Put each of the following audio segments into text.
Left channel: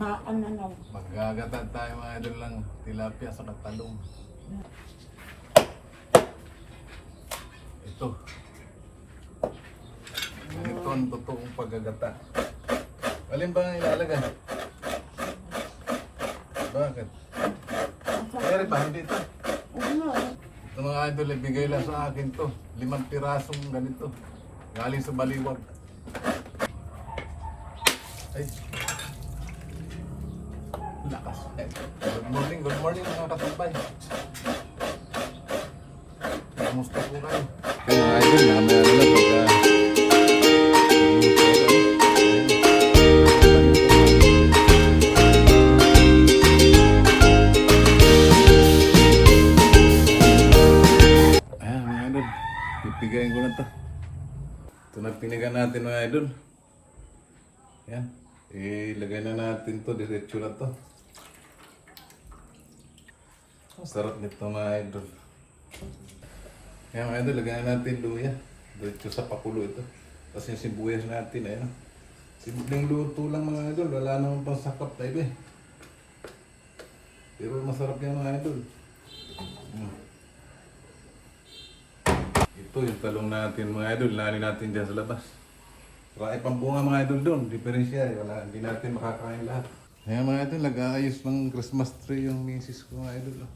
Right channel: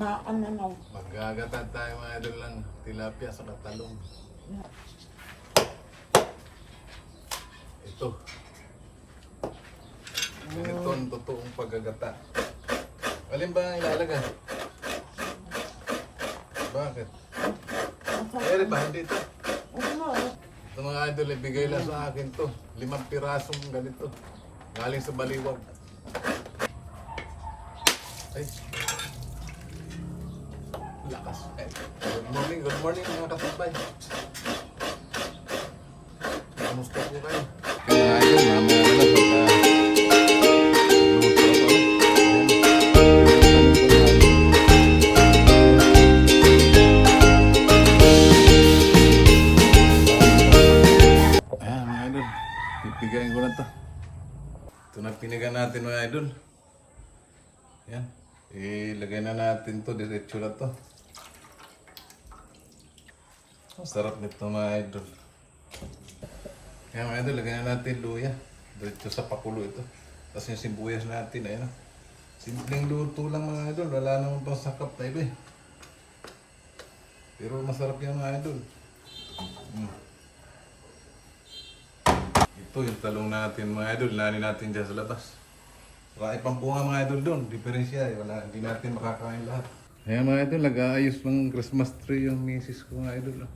ba, ano. Magagata tayo mga idol lang tilapia sa talong. Ito. Ganito ang totoong paggagata. Alin ba ang ilalagay? Bakit? Kaya ba hindi ito? Ito mga idol, ibigay lang sa akin to. 5 pirasong ganito. Galing sa baliwag. Ay. Lakas. Ay. Good morning mga kasabay. Kamusta po kayo? Kaya mga idol, mamaya na lang pagka luto ako. Ayan mga idol, pipigayin ko na to. Ito na pinigan natin mga idol. Ayan, ilagay na natin to, diretso na to. Ang sarap nito mga idol. Ayan mga idol, lagyan na natin luya. Diretso sa pakulo ito. Tapos yung sibuyas natin, ayan. Simpleng luto lang mga idol, wala naman pang sakap na iba eh. Pero masarap yan mga idol. Ito yung talong natin mga idol, nani natin dyan sa labas. Marami pang bunga mga idol doon, diferensya, wala, hindi natin makakain lahat. Ayan mga idol, nag-aayos ng Christmas tree yung misis ko mga idol.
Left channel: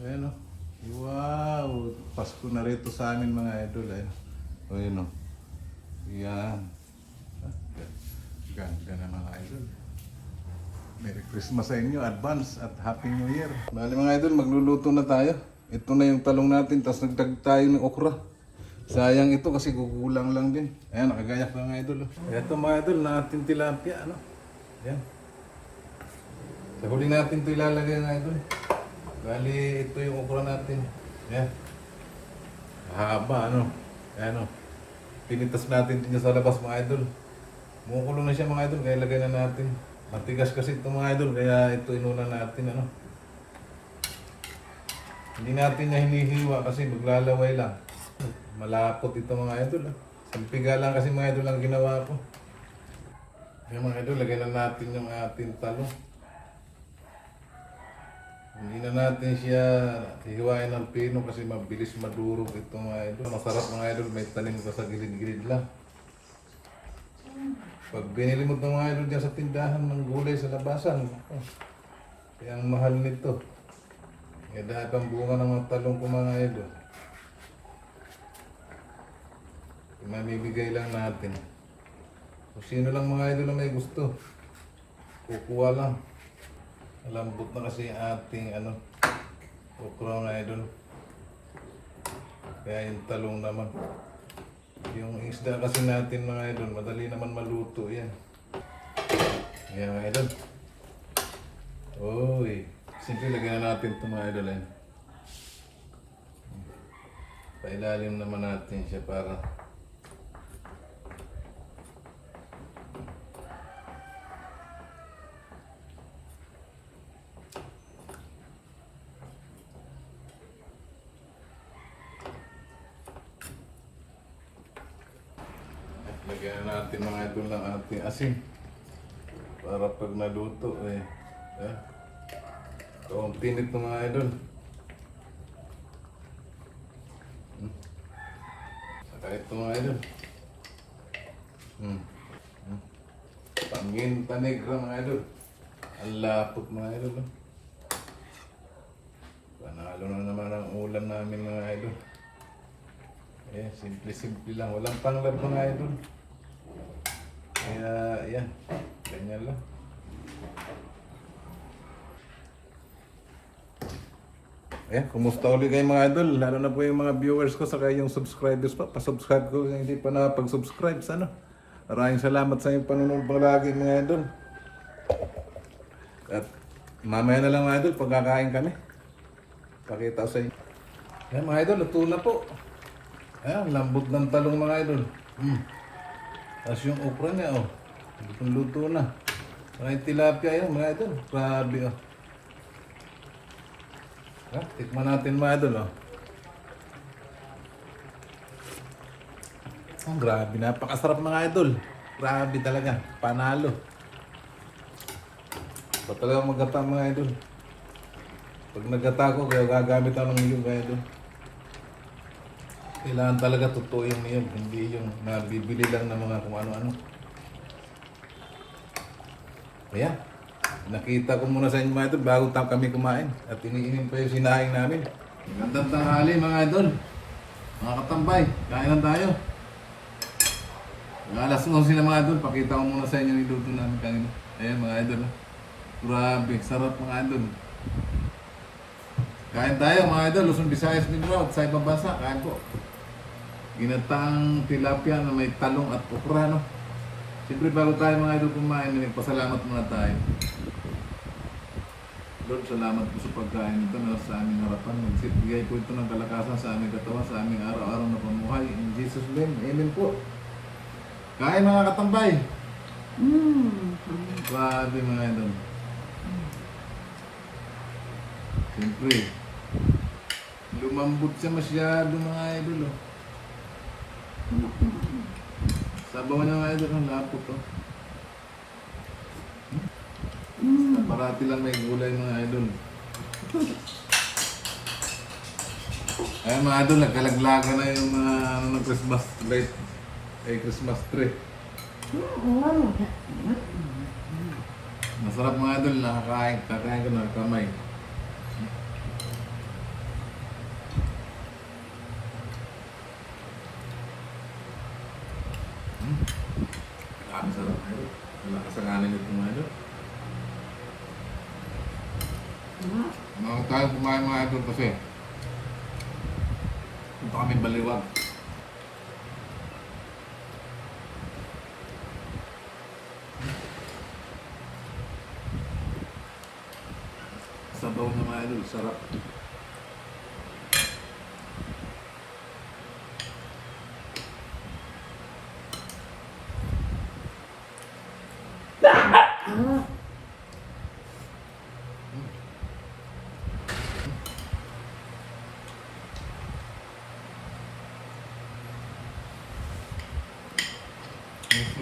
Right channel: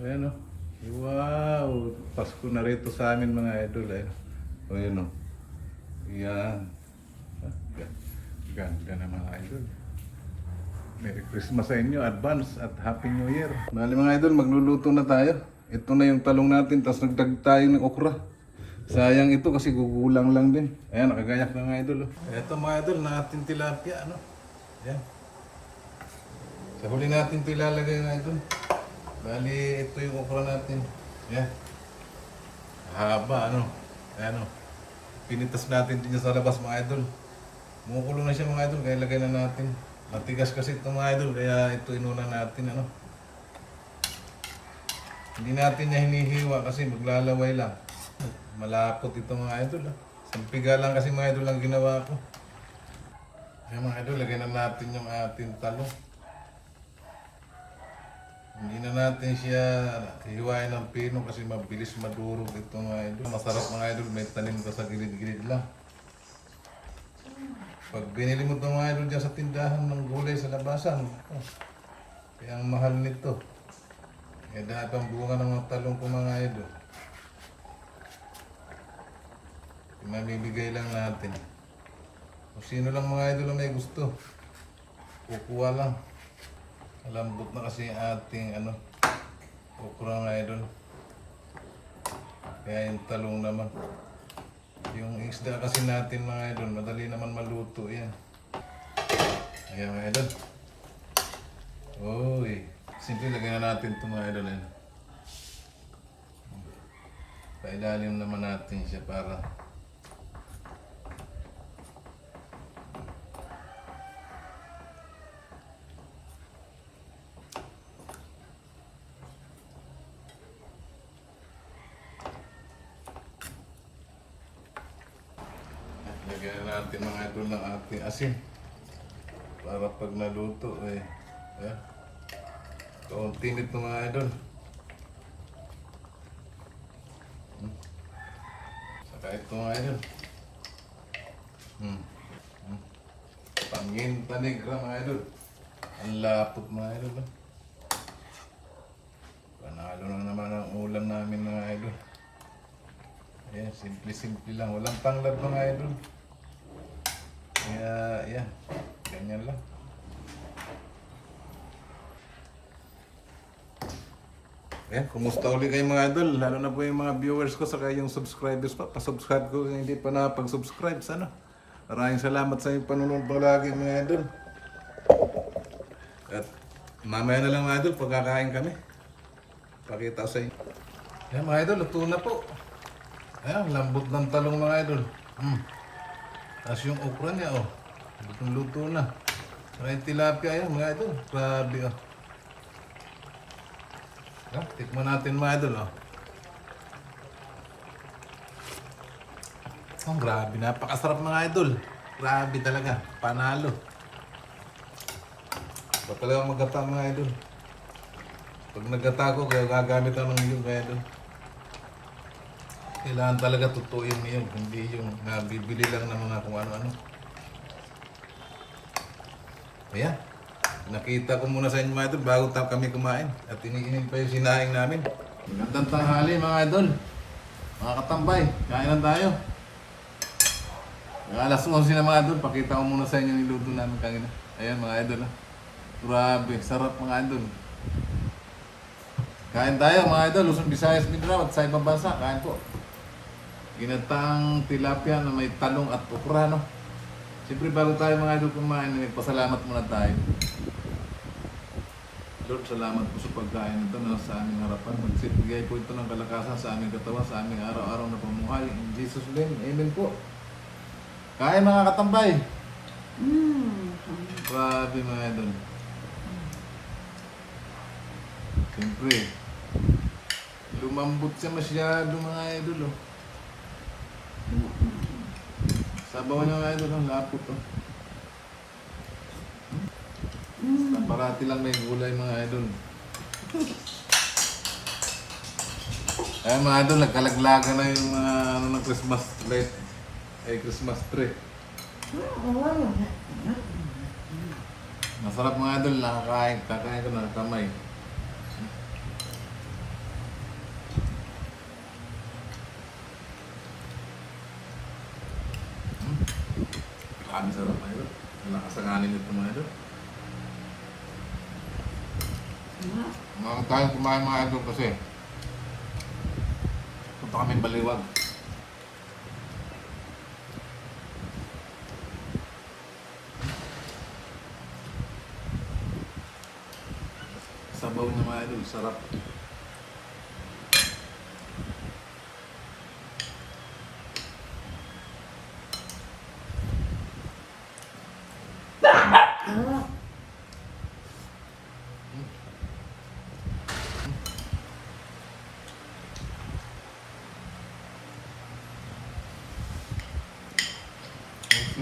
Ayan o. Wow! Pasko na rito sa amin mga idol. Ayan o. Ayan. Ganda na mga idol. Merry Christmas sa inyo, advance at Happy New Year. Bali mga idol, magluluto na tayo. Ito na yung talong natin, tapos nagdag tayo ng okra. Sayang ito kasi gugulang lang din. Ayan, nakagayak na mga idol. Ito mga idol, natin tilapia. Ano? Ayan. Sa huli natin ito ilalagay mga idol. Bali, ito yung okra natin. Ayan. Haba, ano? Ayan o. Pinitas natin din sa labas mga idol. Mumukulo na siya mga idol, kaya lagay na natin. Matigas kasi ito mga idol, kaya ito inuna natin. Ano? Hindi natin niya hinihiwa kasi maglalaway lang. Malapot ito mga idol. Sampiga lang kasi mga idol ang ginawa ko. Kaya mga idol, lagay na natin yung ating talong. Hindi na natin siya hiwain ng pino kasi mabilis madurog ito mga idol. Masarap mga idol, may tanim ka sa gilid-gilid lang. Pag binili mo itong mga idol dyan sa tindahan ng gulay sa labasan, kaya ang mahal nito. Kaya dahil pang bunga ng mga talong ko mga idol. Mamibigay lang natin. Kung sino lang mga idol na may gusto, kukuha lang. Malambot na kasi ating okra mga idol. Kaya yung talong naman. Yung isda kasi natin mga idol, madali naman maluto yan. Ayan mga idol. Uy, simple lagyan na natin ito mga idol. Pailalim naman natin siya para lagyan na natin mga idol ng ating asin para pag naluto kaunti nito mga idol. Saka ito mga idol. Pangin panegra mga idol. Ang lapot mga idol. Panalo na naman ang ulam namin mga idol. Ayan, simple-simple lang. Walang panglab mga idol. Kaya, yan. Ganyan lang. Ayan, kumusta ulit kayo mga idol? Lalo na po yung mga viewers ko, saka yung subscribers pa. Pa-subscribe ko kung hindi pa nakapag-subscribe. Sana. Maraming salamat sa inyong panunod palagi mga idol. At mamaya na lang mga idol, pagkakain kami. Pakita ko sa inyo. Ayan mga idol, luto na po. Ayan, lambot ng talong mga idol. Tapos yung okra niya, luto na. Saka yung tilapia yan mga idol. Grabe tikman natin mga idol grabe, napakasarap mga idol. Grabe talaga, panalo. Ba talaga maggata mga idol. Pag naggata ko, kaya gagamit ako ng niyog mga idol. Kailangan talaga totoo yung niyog, hindi yung nabibili lang ng mga kung ano-ano. Ayan. Nakita ko muna sa inyo mga idol bago kami kumain. At iniinim pa yung sinaing namin. Magandang tanghali mga idol. Mga katambay, kain lang tayo. Alas 11 na mga idol, pakita ko muna sa inyo yung niluto namin kanina. Ayan mga idol. Grabe, sarap mga idol. Kain tayo mga idol, Luzon, Visayas, Mindanao at sa ibang bansa. Kain po. Ginatang tilapia na may talong at okra, no? Siyempre bago tayo mga idol kumain, nagpasalamat muna tayo. Lord, salamat po sa pagkain ito na sa aming harapan. Magsibigay po ito ng kalakasan sa aming katawan, sa aming araw-araw na pamuhay. In Jesus' name, amen po. Kain mga katambay. Grabe mga idol. Siyempre, lumambot siya masyado mga idol. Oh. Sabawan na mga idol, ang lapot. Oh. Parati lang may gulay mga idol. Ayan mga idol, nagkalaglagan na yung ng Christmas light. Ay, Christmas tree. Masarap mga idol, nakakain. Kakain ko ng kamay. Ang sarap mga idol. Wala kasalanan ito mga idol. Mga tayo kumain mga idol kasi punta kami Baliwag. Sabaw na mga idol, sarap.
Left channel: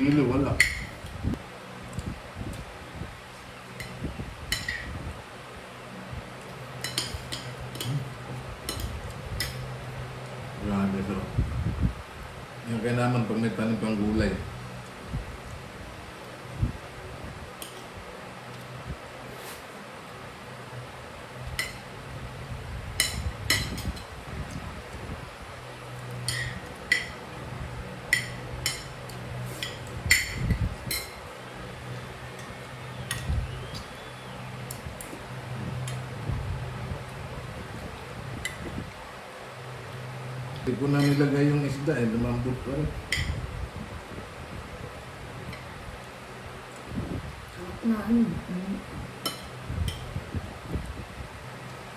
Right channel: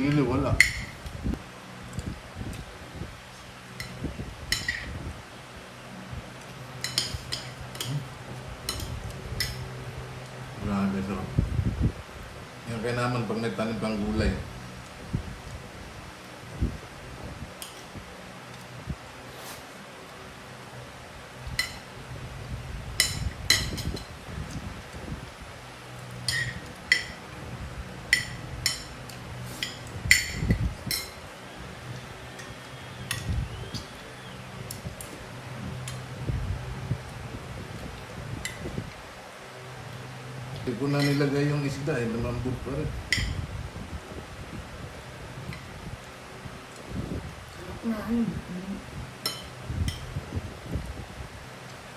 Hindi, wala. Grabe, sarap. Yung kaya naman pag may tanim pang gulay. Hindi ko na nilagay yung isda eh, lumambot pa rin.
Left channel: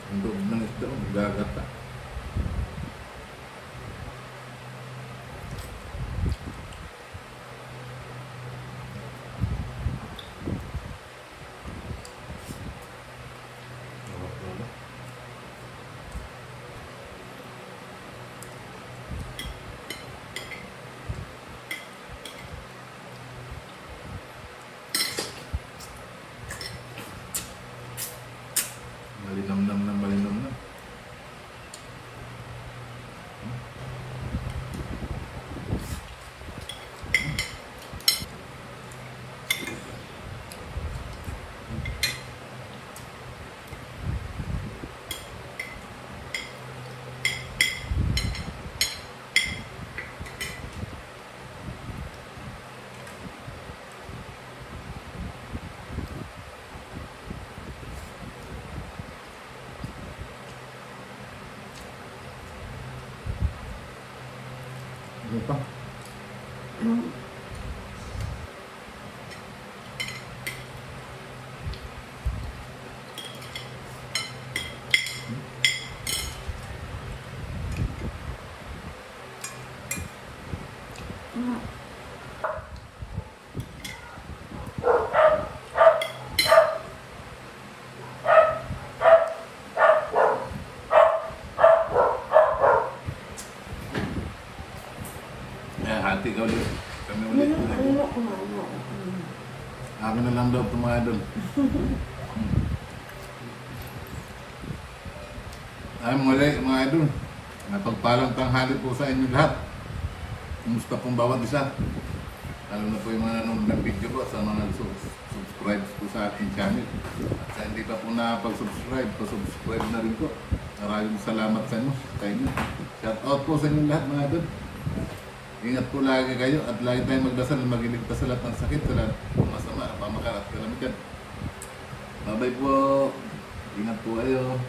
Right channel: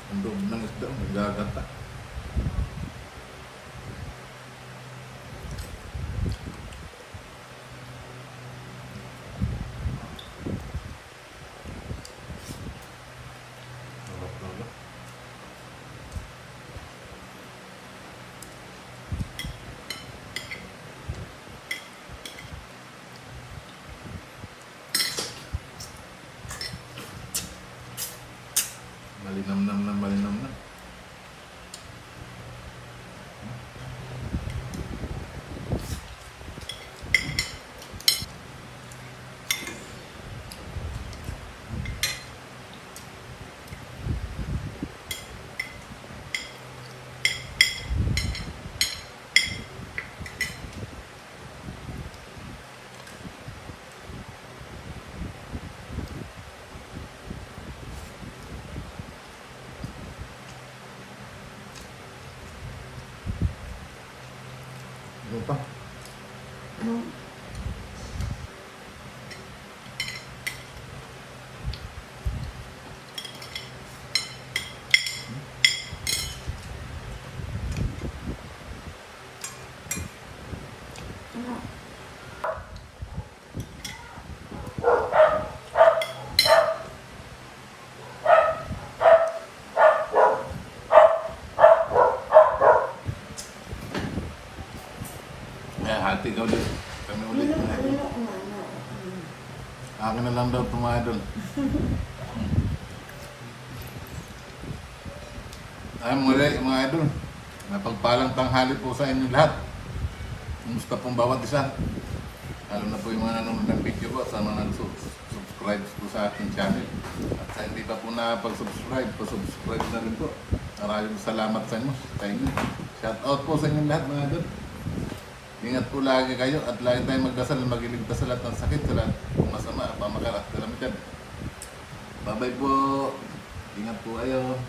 Ang loob ng isda, nagagata. Malinamnam na malinamnam. daw ito mga idol. Ay muli mga idol. Napagpalang tanghali po sa inyo lahat. Kumusta pong bawat isa? Lalo na po yung mga nanonood ng video ko sa mga subscribe po sa aking channel. At sa hindi pa po nakapag-subscribe, pa-subscribe na rin po. Maraming salamat sa inyo. Shout out po sa inyo lahat mga idol. Ingat po lagi kayo at lagi tayong magdasal na magiligtas sa lahat ng sakit, sa lahat ng masama, pamakarat, kalamitan. Bye bye po. Ingat po kayo.